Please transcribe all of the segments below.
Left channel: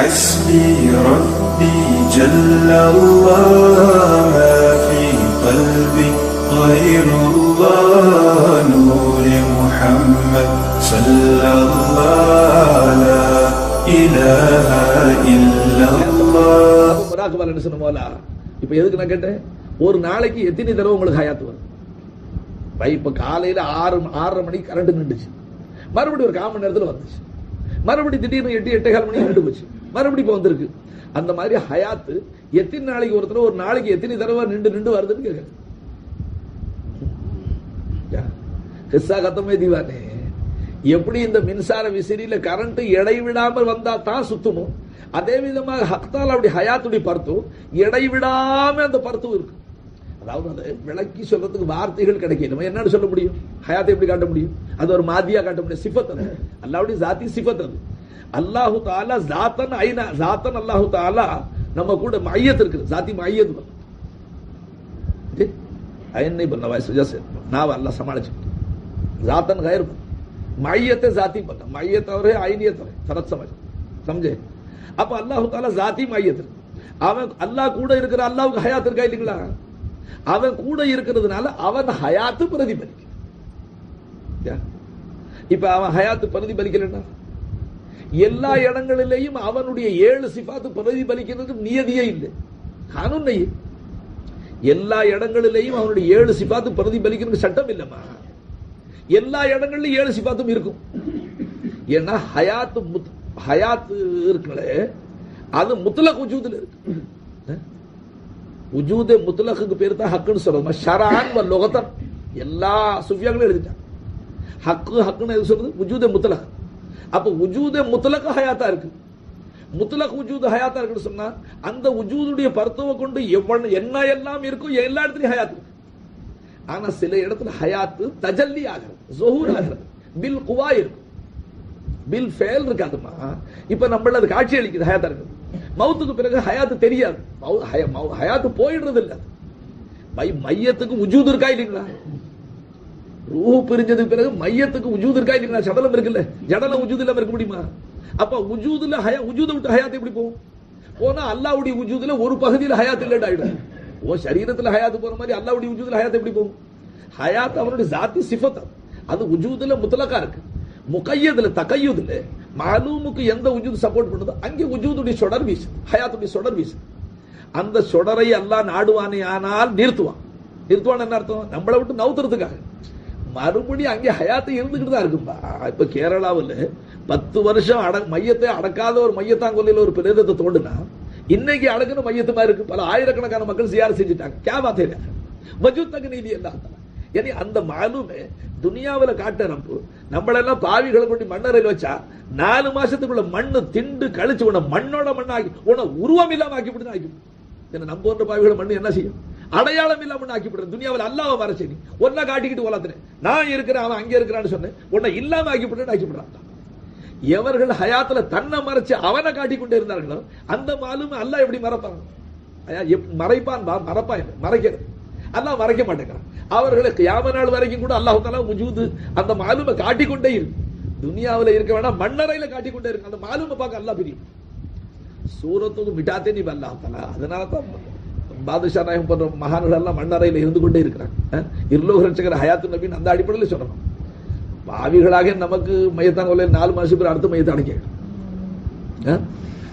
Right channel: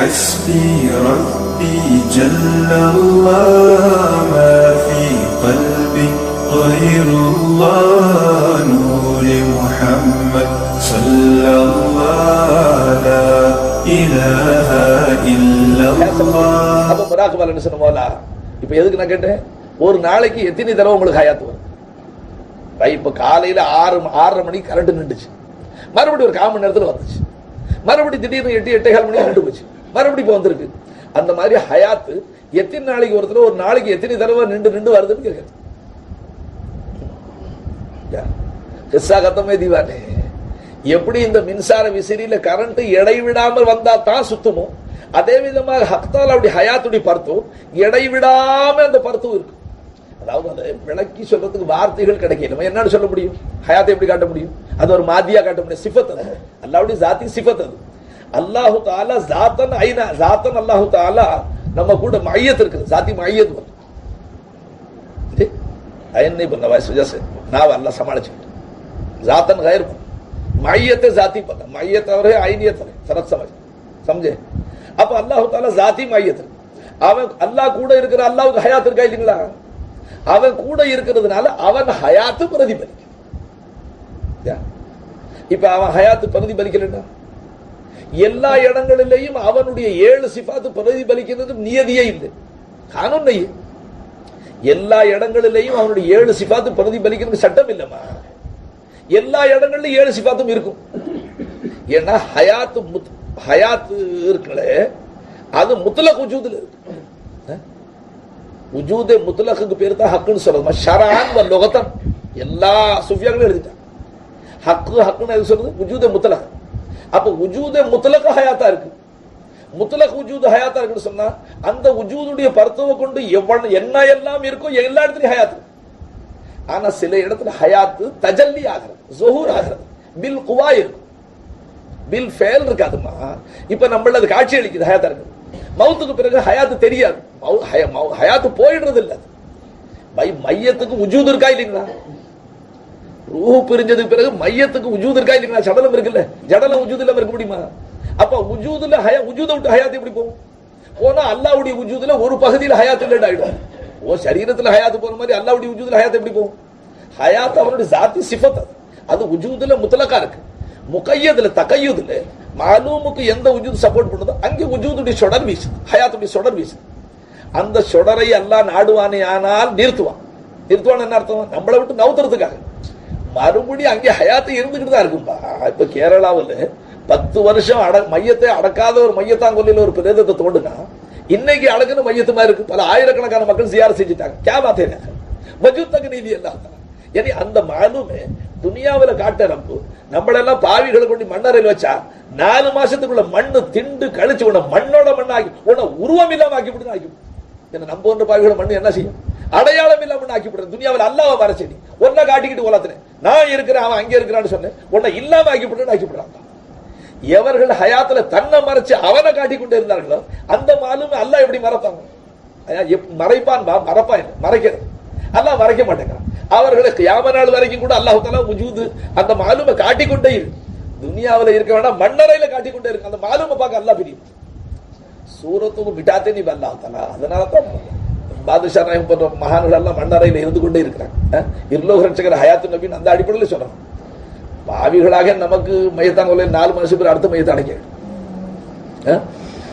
حسبي ربي جل الله ما في قلبي غير الله نور محمد صلى الله لا إله إلا الله அப்ப முராக்கு பலன் சொன்னோம்ல இப்ப எதுக்கு நான் கேட்டேன் ஒரு நாளைக்கு எத்தனை தடவை உங்களுக்கு ஹயாத்து வரும் பை இப்ப காலையில ஆறு ஆறரை மணிக்கு கரண்ட் நின்றுச்சு மறுபடியும் ஒரு கால் மணி நேரத்துல வந்துச்சு மறுபடியும் திடீர்னு எட்டு எட்டே கால் மணிக்கு நின்று போச்சு மறுபடியும் இப்போ வந்திருக்கு. அந்த மாதிரி ஹயாத்து எத்தனை நாளைக்கு ஒரு தடவை ஒரு நாளைக்கு எத்தனை தடவை நின்று நின்று வருதுன்னு கேட்குறேன் ஹிஸ்ஸா கத்தமே தீவானே எப்படி இந்த மின்சார விசிறியில கரண்ட் இடைவிடாமல் வந்தா தான் சுத்துமோ? அதே விதமாக ஹக்தால் அப்படி ஹயாத்துடைய பருத்தும் இடைவிடாம அந்த பருத்தும் இருக்கும். அதாவது அதை விளக்கி சொல்றதுக்கு வார்த்தைகள் கிடைக்கல. நம்ம என்னன்னு சொல்ல முடியும்? ஹயாத்தை எப்படி காட்ட முடியும்? அது ஒரு மாதியா காட்ட முடியும். சிஃபத் அது. அல்லாவுடைய ஜாத்தி சிஃபத் அது. அல்லாஹு தாலா ஜாத்தன் ஐநா ஜாத்தன் அல்லாஹு தாலா நம்ம கூட மையத்து இருக்குது. ஜாதி மையத்து வந்து. ஐயன் நீ பண்ண வயசு ஜஸ் நான் அல்ல சமாளிச்சுக்கிட்டேன் ஜாத்தன் கயிறு மையத்தை ஜாதி பண்ண மையத்தவரே ஐனியத்தவரே. சரத் சமாஜ் சமஜே. அப்போ அல்லாஹு தாலா ஜாதி மையத்து. அவன் அல்லாஹ் கூட இருக்கிற அல்லாவுக்கு ஹயாத் இருக்கா இல்லைங்களா? அவன் கூட இருக்கிறதுனால அவன் ஹயாத்து பிரதிபலிக்கும். இப்ப அவன் ஹயாத்து பிரதிபலிக்கலன்னா? எல்லா இடங்களிலேயும் அவனுடைய ஏழு சிஃபாத்து பிரதிபலிக்கிறது நியதியே இல்லை. கானூன் எல்லா இடங்களிலேயும் அவனுடைய ஏழு சிபாத்து பிரதிபலிக்கிறது சட்டம் இல்லைம்மா. எல்லா இடங்களிலும் ஏழு சிபாத்தும் இருக்கும். ஏன்னா ஹயாத்து முத் ஹயாத்து இருக்குங்களே அது முத்தலக் உஜூதில் இருக்கு. உஜூதே முத்தலக்கு பேர் தான் ஹக்குன்னு சொல்றது ஷரான் வ லொகத்தன். எல்லா சுஃபியாக்களும் எழுதிட்டான். ஹக்கு ஹக்குன்னு எது சொல்றது? உஜூதே முத்தலக். அப்ப உஜூதே முத்தலக ஹயாத்தா இருக்கு. முத்தலக் உஜூது ஹயாத்தா இருக்குன்னு சொன்னா அந்த உஜூதுடைய பருத்துவ கொண்டு எவ்வளவு என்ன எல்லாம் இருக்கோ எல்லா இடத்துலயும் ஹயாத் ஆனா சில இடத்துல ஹயாத்து தஜல்லி ஆகிறது ஜொஹூர் ஆகிறது பில் குவா இருக்கும் பில் ஃபேல் இருக்காதுமா இப்ப நம்மள அது காட்சி அளிக்குது ஹயாத்தா இருக்குது மவுத்துக்கு பிறகு ஹயாத்து தெரியாது. மவு- மவு- ஹயாத்து போயிடுறது இல்ல அது மையத்துக்கு உஜூது இருக்கா இல்லைங்களா? ரூஹு பிரிஞ்சதுக்கு பிறகு மையத்துக்கு உஜூது இருக்கா இல்லைங்களா சடலம் இருக்குல்ல. ஜடலம் உஜூது இல்லாம இருக்க முடியுமா? அப்ப உஜூதுல ஹயா உஜூத விட்டு ஹயாத் எப்படி போகும்? போனா அல்லாவுடைய உஜூதுல ஒரு பகுதியில் ஹயாத் இல்லைன்னு ஆயிடும். ஓ சரீரத்துல ஹயாத்து போற மாதிரி அல்லாவுடைய உஜூதுல ஹயாத் எப்படி போகும்? ஹயாத் அவனுடைய ஜாத்தி சிஃபத் அது. அது உஜூதுல முத்தலக்கா இருக்கு. முகையதுல தகையுதுல. மாலூமுக்கு எந்த உஜூது சப்போர்ட் பண்ணுதோ அங்கே உஜூதுடைய சொடர் வீசு ஹயாத்துடைய சொடர் வீசு அந்த சொடரை அல்லாஹ் நாடுவானே ஆனால் நிறுத்துவான். நிறுத்துவான் என்ன அர்த்தம்? நம்மளை விட்டு நவுத்துறதுக்காக. மறுபடியும் அங்கே ஹயாத்து இருந்துக்கிட்டு தான் இருக்கும்பா. இப்ப கேரளாவில் பத்து வருஷம் அட மையத்தை அடக்காத ஒரு மையத்தாங்கொல்லியில் ஒரு பிரேதத்தை தோண்டுனா இன்னைக்கு அடக்குன்னு மையத்து மாதிரி இருக்கு. பல ஆயிரக்கணக்கான மக்கள் சியார செஞ்சுட்டாங்க. கே பாத்தே மஜூத் நீதி எல்லாம் ஏனி அந்த மாலுமே துனியாவுல காட்ட நம்பு நம்மளெல்லாம் பாவிகளை கொண்டு மண்ணறையில் வச்சா நாலு மாசத்துக்குள்ள மண்ணு திண்டு கழிச்சு உன மண்ணோட மண்ணாக்கி உன உருவம் இல்லாம ஆக்கி விட்டு ஆக்கி என்ன நம்ம ஒன்று பாவிகளை மண்ணு என்ன செய்யும்? அடையாளம் இல்லாம ஆக்கி விடுறேன் துனியாவில் அல்லாவை மறைச்சு ஒன்ன காட்டிக்கிட்டு உலகத்தினேன் நான் இருக்கிறேன் அவன் அங்கே இருக்கிறான்னு சொன்னேன். உன்னை இல்லாம ஆக்கி விடுன்னு ஆக்கி விடுறான் எவர்கள் ஹயாத்துல தன்னை மறைச்சு அவனை காட்டி கொண்டு இருந்தார்களோ அந்த மாலும் அல்லாஹ் எப்படி மறைப்பாங்க? எப்- மறைப்பான் பா மறப்பான் மறைக்கிறது. அல்லாஹ் மறைக்க மாட்டேங்கிறான். அவர்களுக்கு யாம நாள் வரைக்கும் கூட அல்லாஹ் தாலா முஜூது அந்த மாலுமை காட்டிக்கொண்டே இரு. துனியாவுல இருக்க வேண்டாம் மண்ணறையில காட்டிக்கொண்டே இருக்கு அந்த மாலுமை பார்க்க அல்லாஹ் பிரியும். சூரத்துக்கு விட்டாத்தே நீ அல்லாஹ் தாலா அதனால தான் பாதுஷா நாயகம் போன்ற மகான்கள் எல்லாம் மண்ணறையில் இருந்து கொண்டே இருக்கிறாங்க. இருலோகரட்சகர் ஹயாத்து நபின்னு அந்த அடிப்படையில் சொல்கிறாங்க பாவிகளாக நமக்கு மையத்தாங்க நாலு மாதம் பேர் அடுத்த மையத்தை அடைக்க அஹ்?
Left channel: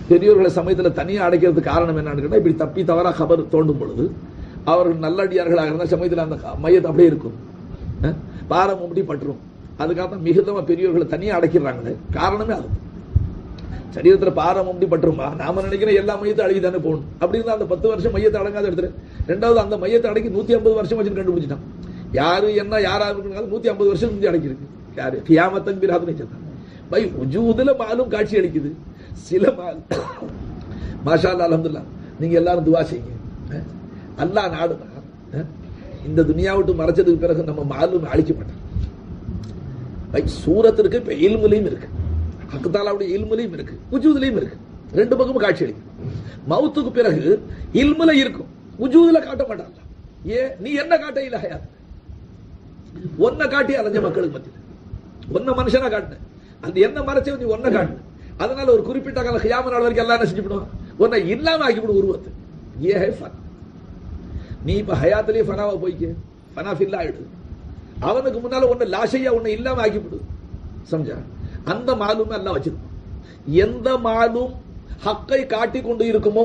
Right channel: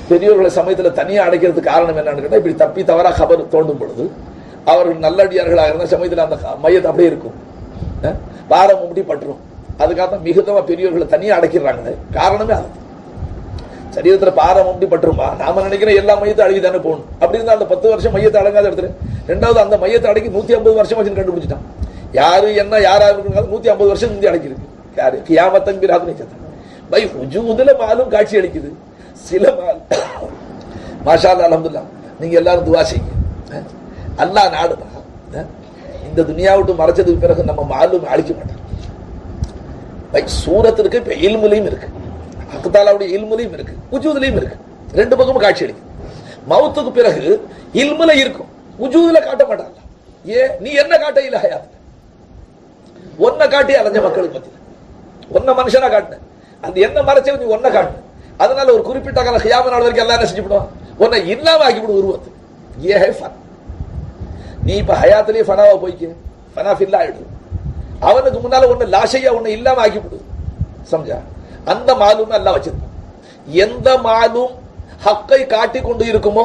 பெரியோர்களை சமயத்தில் தனியாக அடைக்கிறதுக்கு காரணம் என்னன்னு கேட்டால் இப்படி தப்பி தவறாக கபர் தோண்டும் பொழுது அவர்கள் நல்லடியார்களாக இருந்தால் சமயத்தில் அந்த மையத்தை அப்படியே இருக்கும். பாரம் முடி பட்டுரும். அதுக்காக தான் மிகுதமாக பெரியோர்களை தனியாக அடைக்கிறாங்களே. காரணமே அது சரீரத்தில் பாரம் அப்படி பட்டுருமா? நாம நினைக்கிற எல்லா மையத்தை அழகி தானே போகணும். அப்படி இருந்தால் அந்த பத்து வருஷம் மையத்தை அடங்காத இடத்துல ரெண்டாவது அந்த மையத்தை அடக்கி நூற்றி ஐம்பது வருஷம் வச்சு கண்டுபிடிச்சிட்டான். யாரு என்ன யாரா இருக்குங்க நூற்றி ஐம்பது வருஷம் முந்தி அடக்கியிருக்கு. யாரு? கியாமத்தன் பிராது நிச்சயத்தான் பை உஜூதுல மாலும் காட்சி அளிக்குது. சில மால். மாஷா அல்லா அல்ஹம்துலில்லாஹ். நீங்க எல்லாரும் துவா செய்யுங்க. அல்லா அல்லாஹ் நாடுதா? இந்த துனியா விட்டு மறைச்சதுக்கு பிறகு நம்ம மாலும் அழிக்க மாட்டான். பை சூரத்திற்கு இருக்கு இப்ப இல்முலையும் இருக்கு. அக்தாலாவுடைய இல்முலையும் இருக்கு உஜூதுலையும் இருக்கு. ரெண்டு பக்கமும் காட்சி அளிக்கும் மவுத்துக்கு பிறகு இல்முல இருக்கும் உஜூதுல காட்ட மாட்டாங்க. ஏ நீ என்ன காட்ட இல்ல ஹயாத்துல? ஒன்ன காட்டி அலைஞ்ச மக்களுக்கு மத்தியில். ஒன்ன மனுஷனா காட்டின. அந்த என்ன மறைச்ச நீ ஒன்ன காட்டு அதனால ஒரு குறிப்பிட்ட கால ஹியாம நாள் வரைக்கும் எல்லாம் என்ன செஞ்சுவிடும் உன்னை இல்லாம ஆக்கிவிடும் உருவத்தை. ஏ ஹை ஃபன். நீ இப்ப ஹயாத்திலேயே ஃபனாவா போய்க்க. ஃபனா ஃபில்லா ஆயிடு அவனுக்கு முன்னால ஒண்ணு லாஷையா ஒன்னு இல்லாம ஆக்கிவிடு. சம்ஜா. அந்த மாலும் எல்லாம் வச்சிருப்பான் எந்த மாலும் ஹக்கை காட்டி கொண்டு இருக்குமோ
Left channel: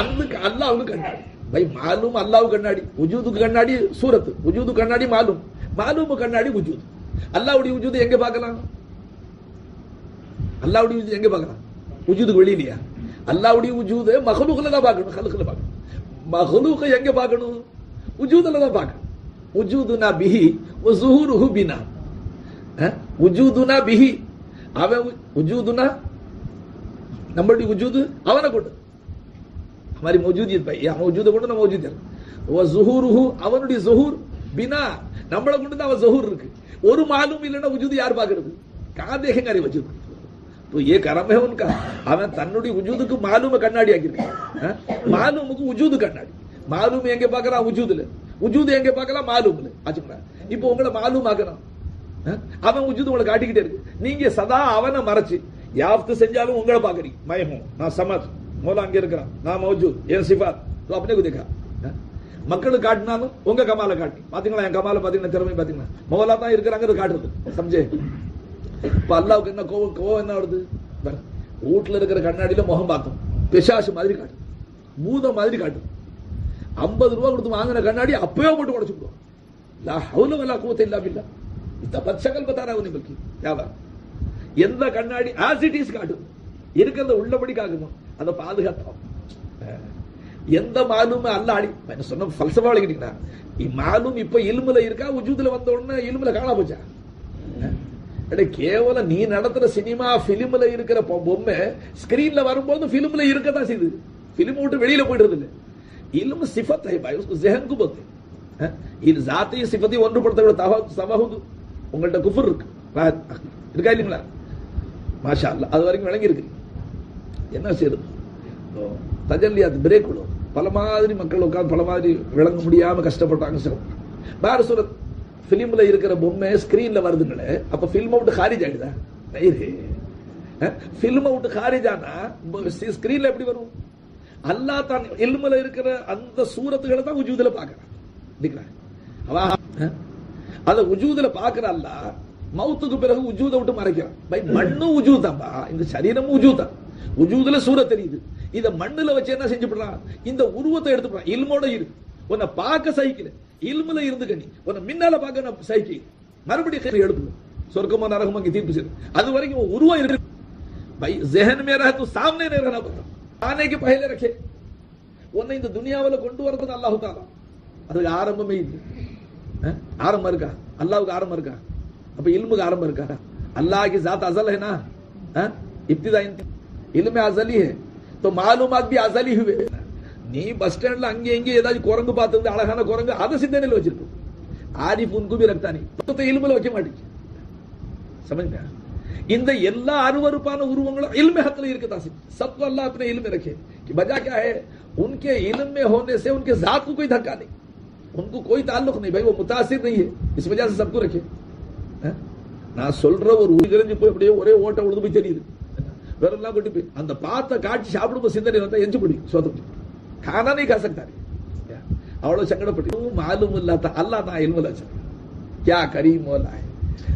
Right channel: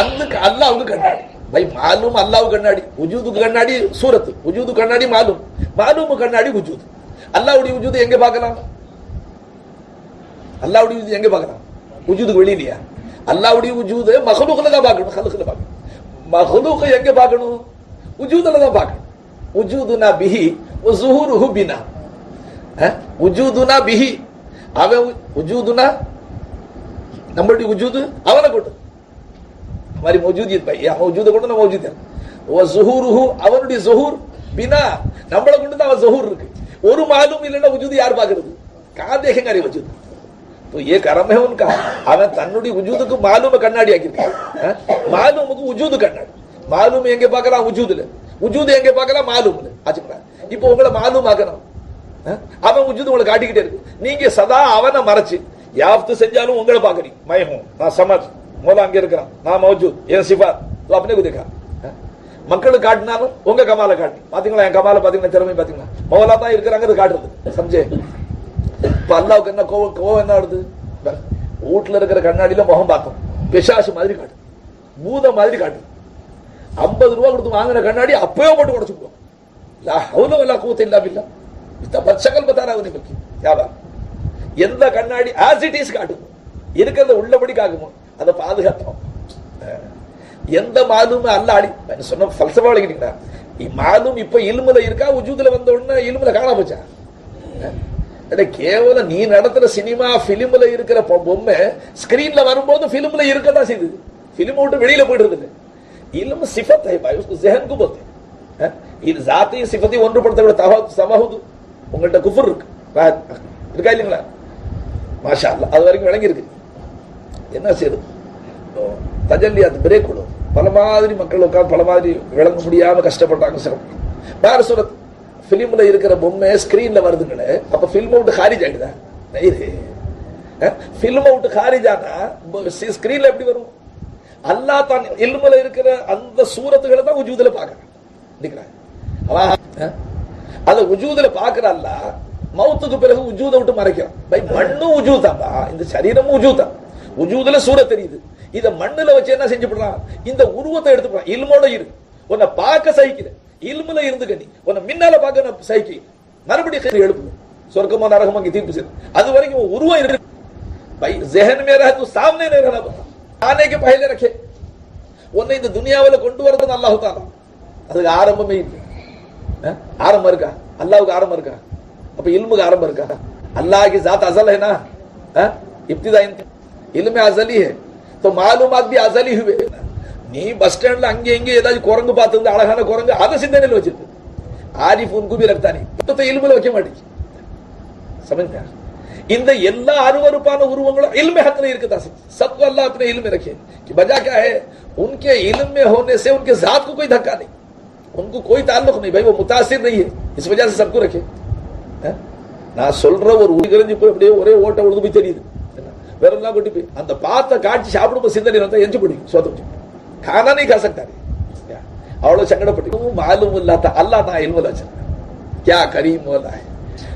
அந்த அல்லாவுக்கு கண்ணாடி. பை மாலும் அல்லாவு கண்ணாடி. உஜூதுக்கு கண்ணாடி சூரத்து. உஜூது கண்ணாடி மாலும். மாலும் கண்ணாடி உஜூது. அல்லாவுடைய உஜூது எங்க பார்க்கலாம்? அல்லாவுடைய உஜூது எங்க பார்க்கலாம்? உஜூதுக்கு வெளியிலையா? அல்லாவுடைய உஜூது மகளுக்குல தான் பார்க்கணும். ஹலுக்குல பார்க்கணும். மகளுக்கு எங்க பார்க்கணும்? உஜூதுல தான் பார்க்கணும். உஜூதுனா பிஹி ஜுஹூருஹு பினா. உஜூதுனா பிஹி அவன் உ- உஜூதுனா நம்மளுடைய உஜூது அவனை கொண்டு हमारी मौजूदियत भाई या मौजूद கொண்டு நம்ம மௌஜூத் வ ஸுஹூருஹு அவனுடைய ஸுஹூர் பினா நம்மள கொண்டு தான் அவன் ஸுஹூர் இருக்கு ஒரு மாலும் இல்லைன்னா வஜூத் யார் பார்க்கிறது कहां देखेंगे अरे वजूद तो ये कर्म है उनका அவன் தன்னுடைய வஜூதுக்கு மாலூம கண்ணாடி ஆக்கியிருக்கான் அஹ்? மாலூமுக்கு வஜூது கண்ணாடி மாலூம் எங்க பார்க்கலாம் வஜூதுல வஜூது எங்க பார்க்கலாம் மாலூம்ல ஆச்சுங்களா இப்போ உங்களை மாலூம் ஆக்கணும் அஹ்? அவன் உஜுது உங்களை காட்டிக்கிட்டே இருக்கு. நீங்க சதா அவனை மறைச்சு யாப்து செஞ்சாலும் உங்களை பாக்குறீங்க மயமும் நான் சமாஜ். மோலா அங்க இருக்கிறான் நான் மௌஜூத் என் சிபா அப்படின்னு குதிக்கிறான் மக்களுக்கு காட்டினாலும் உங்க கமால காட்டு. பாத்தீங்களா? என் கமால பாத்தீங்கன்னா திறமை பாத்தீங்களா? மோலா தான் இருக்கிறாங்கிறது காட்டுறது. சம்ஜே. இப்ப அல்லாவுக்கு என்ன கோவம் கோவம் என்ன வருது? வீட்டுல இருக்கிற கண்ணாடியில முகம் பார்த்தோம் பிசாசு மாதிரி காட்டு. பூத மாதிரி காட்டு. ஐம்பது ரூபா கொடுத்து வாங்கின கண்ணாடி அப்பவே போட்டு உடச்சுக்குவோம் லா ஹவுல வல்லா கூத்த இல்லா இல்லை இத்த பச்சைகள் பத்தாரா வந்து பக்கி யாவா எந்த கண்ணாடி ஆஸ் இட் இஸ் காட்டும் இருக்கிறத உள்ளபடி காக்குமோ அதை பாதுகாத்தோம் அஹ். எந்த மாலுமே அல்ல அடி நான் சொன்ன ஃபல்சபா விளங்கிட்டீங்களா மாலும் இப்ப இல்முல இருக்கா உஜூதுல வந்த உடனே இல்முல காணாம போச்சா அஹ். அட கேவலம் நீ நடத்துற சினிமா பிலிம்ல இருக்கிற பொ- பொம்மை ஸ்கிரீன்ல வரும்போது பிலிம்ல இருக்கதான் செய்யுது பிலிம் விட்டு வெளியில போயிடுறது இல்ல இல்மு சிஃபத் है भाई उसको जहन को बोलते हैं हैं? இது ஜாத்தி சிஃபத்தை ஒன்றுபடுத்த தவ சமஹுது உங்கள்ட்ட குஃபர் இருக்கு. இருக்கா இல்லைங்களா? மாஷா அல்லாஹ் அது வரைக்கும் விளங்கியிருக்கு. என்ன செய்யுது அந்த பிரேக் விடும். பல மாதிரி மக்கள் உட்காந்து பல மாதிரி விளங்க முடியாமல் கஷ்டப்பட்டாங்க சிரமம் வேறு சொல்ல ஃபிலிமில் இருக்கிற பொம்மை ஸ்க்ரீனில் வருதுங்களே அப்போ ஃபில்ம் விட்டு ஹாரிஜ் ஆயிடுதா? நயிரு ஃபில்ம் அவுட் ஹாரிஜ் ஆனால் ஸ்க்ரீனில் எப்படி வரும்? அல்லாஹ் தான் இல்முல இருக்கிற அந்த சூரத்துகளை தான் உஜூதில் பார்க்குறேன். நிக்கிறான் அஹ், அத உஜூதுல பாக்குற அல்லாஹ் மௌத்துக்கு பிறகு உஜூத விட்டு மறைக்கிறான் பை மண்ணு உஜூத் தான்பா இந்த சரீரமும் உஜூத் தான் உஜூதுல சூரத் தெரியுது இத மண்ணுல வச்சு என்ன செஞ்சுப்படுறான் இந்த உருவத்தை எடுத்துக்கிறான் இல்மோட இரு உன்னை பார்க்க சகிக்கல இல்முல இருந்துக்க நீ உன்னை மின்னால பார்க்க நான் சகிக்கல மறுபடியும் எழுப்பு சொர்க்கமோ நரகமோ இங்க தீர்ப்பு செய்யும் அது வரைக்கும் உன் உருவம் இருக்கு भाई जहन में रहे तो सामने नहीं रहना पड़ता आने के पहले रखे உன்னை இந்த துனியாவுல கொண்டு வரது அல்லாஹு தாலா அதுக்கு ஆரம்பமே இல்லை அஹ்? ஆரம்பம் இருக்கா அல்லாவுக்கு ஆரம்பம் இருக்கா அப்ப இல்முக்கு ஆரம்பம் இருக்கா अल्लाह की जात अजल है ना हाँ? इब्तिदा इंत- इल्म अजली है तो मालूमात भी अजली हुए நீ பஸ் ஸ்டாண்ட்ல அங்க இங்க ஏதாச்சும் குரங்கு பார்த்தது அழகான குரங்கு அதை சிந்தனையில் வச்சிருக்கு ஆரிஃப் உன் குபி ரக்தானி புத்தத்தை இல்முல வைக்க மாட்டேங்குது समझते இந்த எல்லா அருவருப்பான உருவங்களும் इल्म हक नहीं இருக்கதா सबको अल्लाह अपने इल्म में रखे कि वजह क्या है उनके इल्म में होने से उनके जात को कोई धक्का नहीं उनको कोई ताल्लुक नहीं भाई वो मुतासिर नहीं है इस वजह से सबको रखे அஹ்? நான் சொல்ற ஒரு உயிரிழந்து போய் அப்படியே ஒரே ஓட்ட உழுது போய் தெரியுது என்ன? வேற எல்லாம் கொண்டு போய் அந்த பார்த்த காட்சி சாப்பிடும்போது சிந்தனை வந்தா எஞ்சி பிடிக்கும் சோத்த பிடிக்கும் खाना नहीं खा सकता रे அவ்வளவு சங்கடப்பட்டு மாலும் இல்லாத அல்லாஹ் தான் இல்முல வச்சிருக்கான் क्या करीम वाला है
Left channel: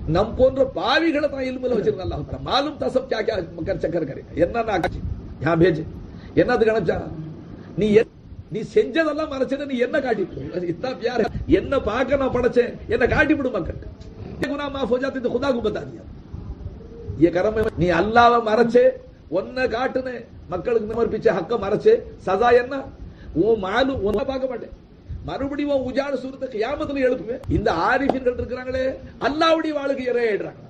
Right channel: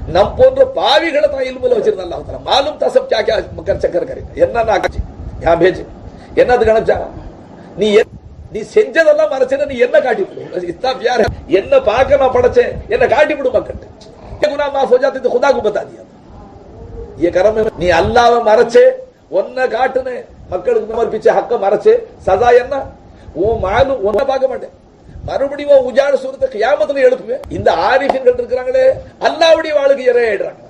நம் போன்ற பாவிகளை தான் இல்முல வச்சிருந்த அல்லாஹ் தஆலா மாலும் தசப் क्या क्या மக்கர் சக்கர் கரே என்ன நான் காட்சி யா பேஜ் என்னது கணச்சா நீ என்- நீ செஞ்சதெல்லாம் மறைச்சத நீ என்ன காட்டி விடு இத்தா பியார் है என்ன பார்க்க நான் படைச்சேன் என்ன காட்டி விடு மக்கள் ये गुनाह माफ हो जाते तो खुदा को बता दिया ये कर्म है நீ அல்லாஹ்வை மறைச்சே ஒன்ன காட்டுனே மக்களுக்கு சமர்ப்பிச்ச ஹக்க மறைச்சே சதா என்ன உன் மாலு ஒன்ன பார்க்க மாட்டேன் மறுபடியும் உன் உஜார சூரத்தை கியாமத்துல எழுப்புவேன் இந்த ஆரிஃபின்கள் இருக்கிறாங்களே அல்லாவுடைய வாளுக்கு இறையிடுறாங்க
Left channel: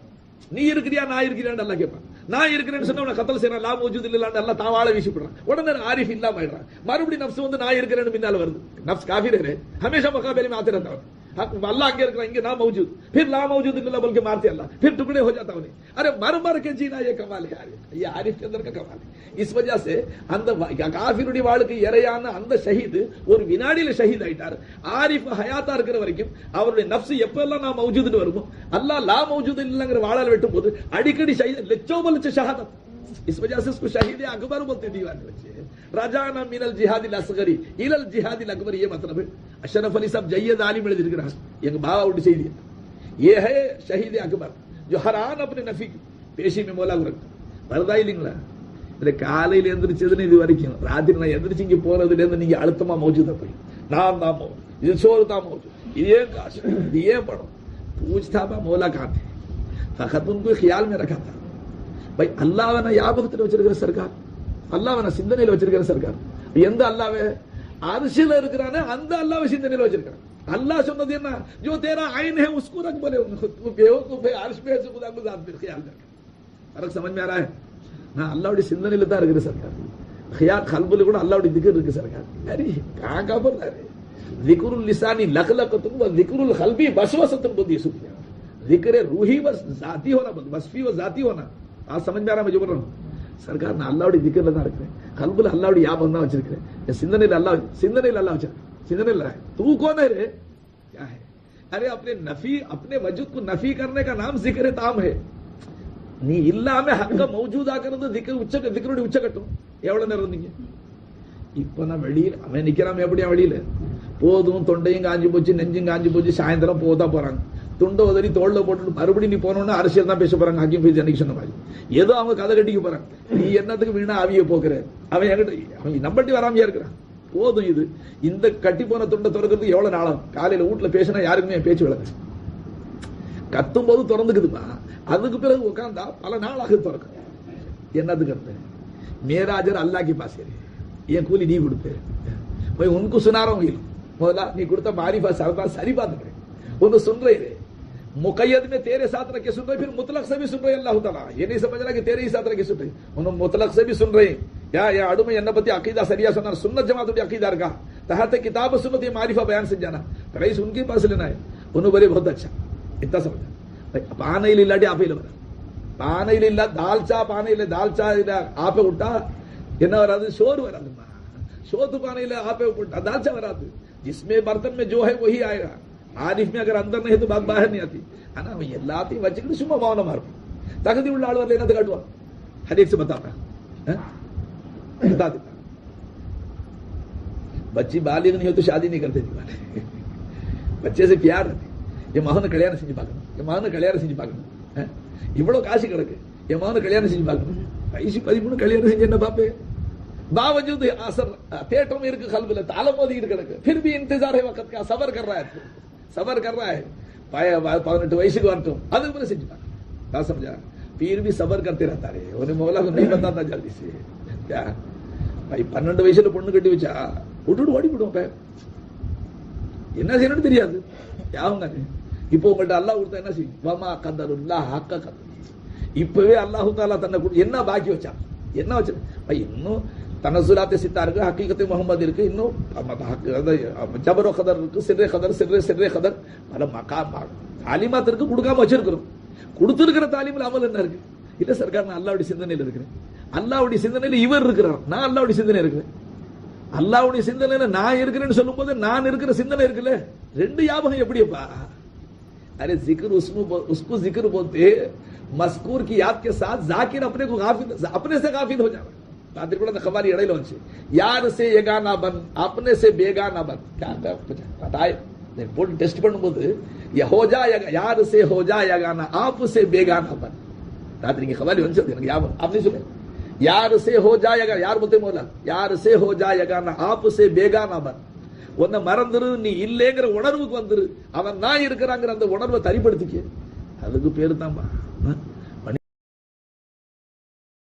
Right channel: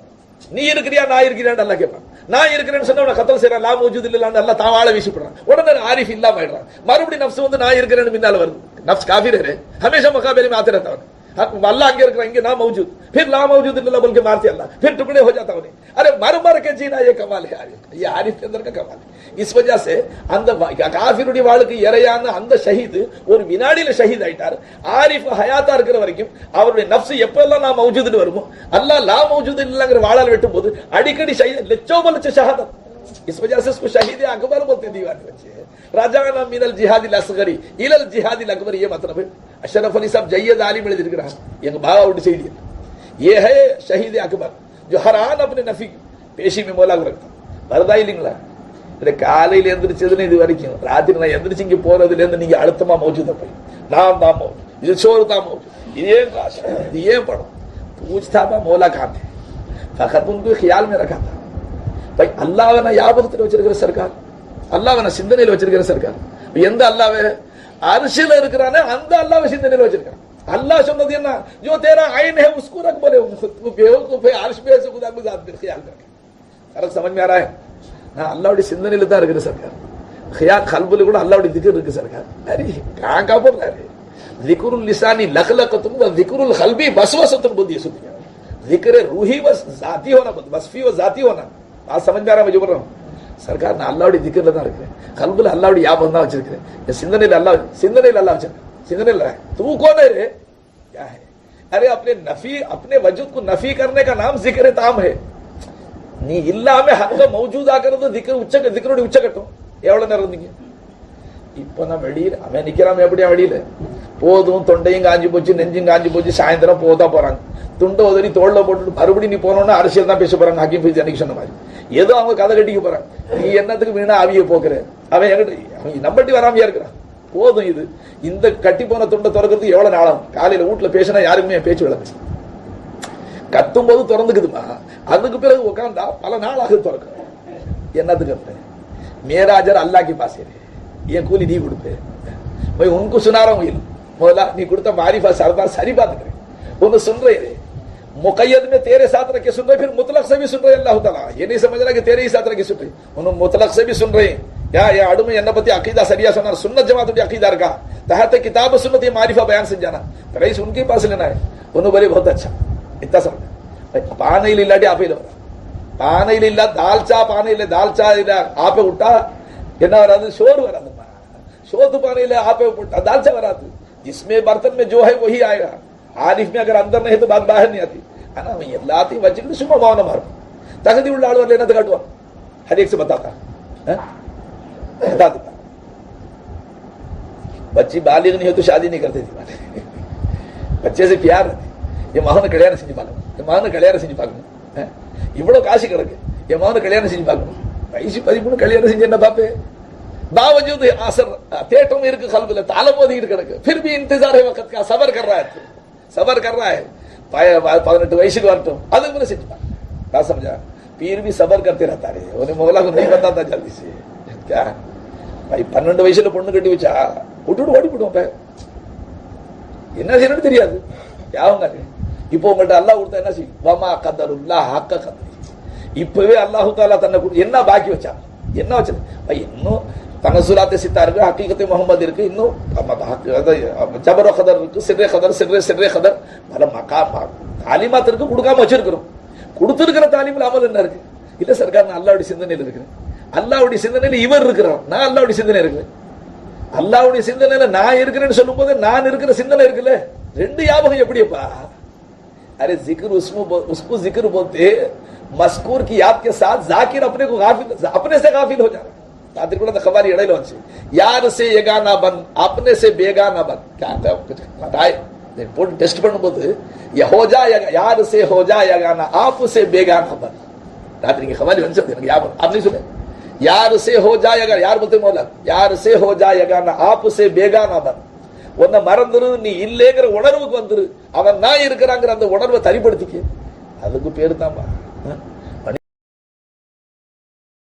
நீ இருக்கிறியா நான் இருக்கிறியான்னு அல்லாஹ் கேட்பான் நான் இருக்கிறேன்னு சொன்னா உன கத்தல் செய்யறான். லாம் வஜூத் இல்லான்னு நல்லா வீசி போடுறான் உடனே ஆரிஃப் இல்லாம ஆயிடுறான். மறுபடியும் நப்ஸ் வந்து நான் இருக்கிறேன்னு பின்னால வருது. நப்ஸ் காஃபிரே ஹமேஷா மகாபேலி மாத்திரத்தவன் अल्लाह आगे रख रहा है इनके नाम मौजूद फिर ला मौजूद अल्लाह बोल के मारते अल्लाह फिर टुकड़े हो जाता उन्हें अरे मर मर के जीना ये कमाल है आरिफ ये आरिफ के अंदर का कमाल है इस वजह से அந்த காஃபிருடைய வாளுக்கு இறையான அந்த ஷஹீது ஒரு வினாடியில ஷஹீத் ஆயிட்டார் ஆரிஃப் ஹயாத்தா இருக்கிற வரைக்கும் அவருடைய நப்சு எப்பெல்லாம் நான் மௌஜூதுன்னு வருமோ அல்லாஹ் லா மௌஜூது இல்லைங்கிற வாழால் வெட்டும் போது அடிக்கடி ஷஹீத் லட்சோ லட்ச ஷஹாதத் इस वजह से उसको शहीद अकबर बोलते दीवान बच्चे राजाना मिनल जिहादिल असगरी इलल जिहादिल अकबर ये मतलब है अशरफ अली साहब जैयद आलिम எழுதிருக்கிறாங்க எங்க பாபா விட்டு செய்தி ये है शहीद अकबर जो हर आन अपने नफी की पेशी में मौला को रखता வருதா இல்லைங்களா இந்த காலையில எந்திரிச்சதுன்னு இது வரைக்கும் ராத்திரி நான் எந்திரிச்சு இங்க போறதுல இருந்து நீங்க அழுத்தமா மௌஜூதா போய் நான் தான் மௌஜூத் இது சோறு தான் மௌஜூத் இது ஏன் காசு இது ஏன் படம் पूछता था मौला कहाँ थे फकत उनको ख्याल में रखा था பை அல்லாவை நான் ஞாபகத்தில் வச்சிருக்கிற சர்க்கார் அல்லாவை நான் சிந்தனையில் வச்சிருக்கிற சர்க்கார் எந்த அல்லாவே அரிசியில இருக்கிறானே அந்த அல்லாவை சிந்தனையில் வச்சிருக்கான் अल्लाह சொன்னது என்ன जो तेरा आइन है उसको रख बोले तू बेवकूफ है अर्श पे से खुदा गुजार फिर ख्याल कर फर्क समझ में आ रहा है நான் அல்லாவுடைய சிந்தனையில தான் இருக்கிற சர்க்கார் खियाल खलबुल கூட அல்லாவுடைய திக்ர் இருக்கு சர்க்கார் अरे कहां का बोल रहा है जिक्रुल लिसानी लखलकतुन व जिक्रुल खल्बी वसवसतुन बुद्धि सुतिया जिक्र रूही व जाती होना वसफी व जाती होना बात समझ में आ रहा है मुझे बोल रहा हूँ सरकार நான் அல்லாவுடைய திக்கர்ல தான் இருக்கிறேன் கல்புல அல்லாவுடைய ஞாபகம் தான் வச்சிருக்கிறேன் என் சிந்தனையில் அல்லாஹ் சிந்தனையில் அல்லாஹ் வச்சிருக்கேன் சிந்தனையில் तू कौन है रे क्या है अरे अपने नफी अपने वजूद को नफी करने का नाम जिक्र ताम है நீ இல்லாம ஹக்க மௌஜூதாக்குறது திக்கர் உச்ச திக்கருடைய உச்சகட்டம் எவ்வளவு நேரம் இருந்தீங்க இப்ப நான் வெளியில அவன் நிக்கிறான் எப்படியா வெளியில போதும் தொண்டையும் காஞ்சி போச்சு நெஞ்சும் காஞ்சி போச்சு சாயந்தரம் போதா போறாங்க துண்டை உதறி தோளில் போட்டுட்டு மறுபடியும் நீ போனோன்னா அரசியல் தான் பேச போகிறாங்க ஹக்கீம் ஃபீஸ் அன்னைக்கு சொன்ன மாதிரி. ஏதோ அவங்க கதை கட்டிக்க போறான் நீ என்னத்துக்கு வீணா அவிய போக்குற? அவன் எங்கிட்ட அவன் நம்பட்டி வராமையா இருக்கிறான். போதும் இது. இந்த கட்டி போன துண்டை திறக்கிறதுக்கு எவ்வளோ நாளாகும் காலையில் வீட்டில் பேசினா யாருக்குமே பேச்சு விளக்கு. கத்தும் போது திறந்துக்குதுமா? அதுக்கு பிறகு உட்காந்தா பல நாளாக திறக்கும் என்னத்துக்கு அர்த்தம் மேராஜர் அல்லாக்கி பாசேரு என் கூலி நீ கொடுப்பு. போய் உனக்கு சுனாரம் உயிரும் முதல்ல நீ கொடுத்த மாரிஃபா சரதா சரி பார்த்துக்கிறேன். ஒன்று சொல்றேன் मुकैद में तेरे साथ रखे सुन रहे, फिर मुतलक से भी सुन रहे अल्लाह तला। ये नहीं समझ रहा कि तेरे ही साथ रखे सुन रहे। उन्होंने मुतलक से भी सुन रहे। या या अड़ू में यन्नपति अकीदा सरिया सुना सुन्नत जमात अकीदार का। तहत किताब सुनत ये मारिफा बयान से जाना। तो रईस उनके पास लेना है। उन्होंने बोले, बहुत अच्छा। इतना समझ पान डे आप ही पान ಇಲ್ಲ ದಾಲ್ಚಾ ಪಾನ ಇಲ್ಲ ದಾಲ್ಚಾ ಇಲ್ಲ ಆಪೆ ಊಟ ಏನೋ वरादे शोर वरादे शोध पाने ಇಲ್ಲ ಆಪೆ दाल चा वरादे जिसमें बर्तन में जो है, वही आएगा। ஆரிஃப் में अगर अंदर नहीं तो बात बाहर नहीं आती है ना எல்லாத்தையும் வச்சுக்கிட்டு சும்மா மௌனமா இருக்கும் தகுதி உள்ள ஆள் வரல காட்டுவான் ஹரியக்ஸ் பத்தாத்தா बता देता बच्ची बालिग नहीं हो तो शादी नहीं करते थी बच्चे से प्यार रहते என் மகனை கல்யாணம் செஞ்சு பார்க்கணும் என் மகனை கல்யாணம் செஞ்சு பார்க்கணும் இவ்வளோ காசு கிடக்கு என் மகனை கல்யாணம் செஞ்சு பார்க்கணும் வயசு பதிமூணு கல்யாணம் செஞ்சு என்ன பார்ப்பேன் बावजूद असर தேட்டம் இருக்கு கல்வில தலை மோதிக்கிட்டு கிடக்கு फिर भी इंतजार है वक्त का सबर कर रहा है सबर कर रहा है पाया பதினெட்டு வயசுக்கு வரட்டும் அதுக்கு மேல செஞ்சு பாரு நான் समझा पीर भी सबर करते रहता है उन्हें मौला को नहीं बताता जल्दी से क्या भाई பன்னெண்டு வயசுல பொண்ணு கட்டி வச்சா விட்டுட்டு ஓடி போடுவோம் என்ன செய்யணும்னு தெரியாது யாவங்க இப்போ உங்கள்ட்ட அல்லாஹ் கொடுத்தா என்ன செய்யும் வமா கதருல்லா ஹக்க கதரி இப்பவே அல்லாஹு தாலா தன்னை கொடு- என்ன பாக்கி வச்சான் என்ன வச்சது ஐய், இன்னும் தனசுலாத்தை சித்தா இருக்கு ஹக்கீகத்தை முகமது இருக்கு இன்னும் மத்த ஹக்கு- அது ஜபரோ கதர் இருக்கு சிறே கதர் சிறே சிறே கதர் பல மக்கா தாலிமாத் இருக்கு கொடுக்காம வச்சிருக்கிறோம் கொடுத்திருக்கிற தாலிமில் அமல் என்ன இருக்கு இல்ல சர்க்கார் நான் அல்லாவுடைய சிந்தனையில் இருக்கிறேன் அல்லாவுடைய சிந்தனையில் இவர் இருக்கிறார் நான் அல்லாவுடைய சிந்தனை இருக்கிறேன் அல்லாவுடைய சிந்தனையில நான் இருக்கிறேன்னு சொல்லும்போது நான் இருக்கிற சிந்தனை இருக்குல்ல ரெண்டு ஞாபகம் எப்படிப்பா अरे जिक्र उसको उसको जिक्र बोलते मस्कूर की याद के साथ जाकिर अपने को गाफिल अपने से गाफिल हो जा रहा அதற்குள்ள அந்த கவாலி இடையில வந்துச்சு. யாரு சே எகானா பன் அப்னே சே பேகானா பன் கட்டாய் போட்டு டெஸ்ட் பண்ணும்போது ஹோஜா யாரு சே ஹோஜா யகானா ஆப் சே பேகானா பன் ராத்திரிங்க கவாலி வந்துச்சு எனக்கு யாபம் அப்படின்னு சொன்னேன் யார் சே ஹோஜா ஜாயகா யார் பத்தி முதல்ல யாரு சே ஹோஜா ஜாயகானா ஆப்பு சே பேகானா பன் உன்னை மறந்துரு நீ இல்லைங்கிற உணர்வுக்கு வந்துரு. அவன் நான் இருக்கிறாங்கிற அந்த உணர்வை தனிப்படுத்திக்க. அதுக்கு பேரு தான்பா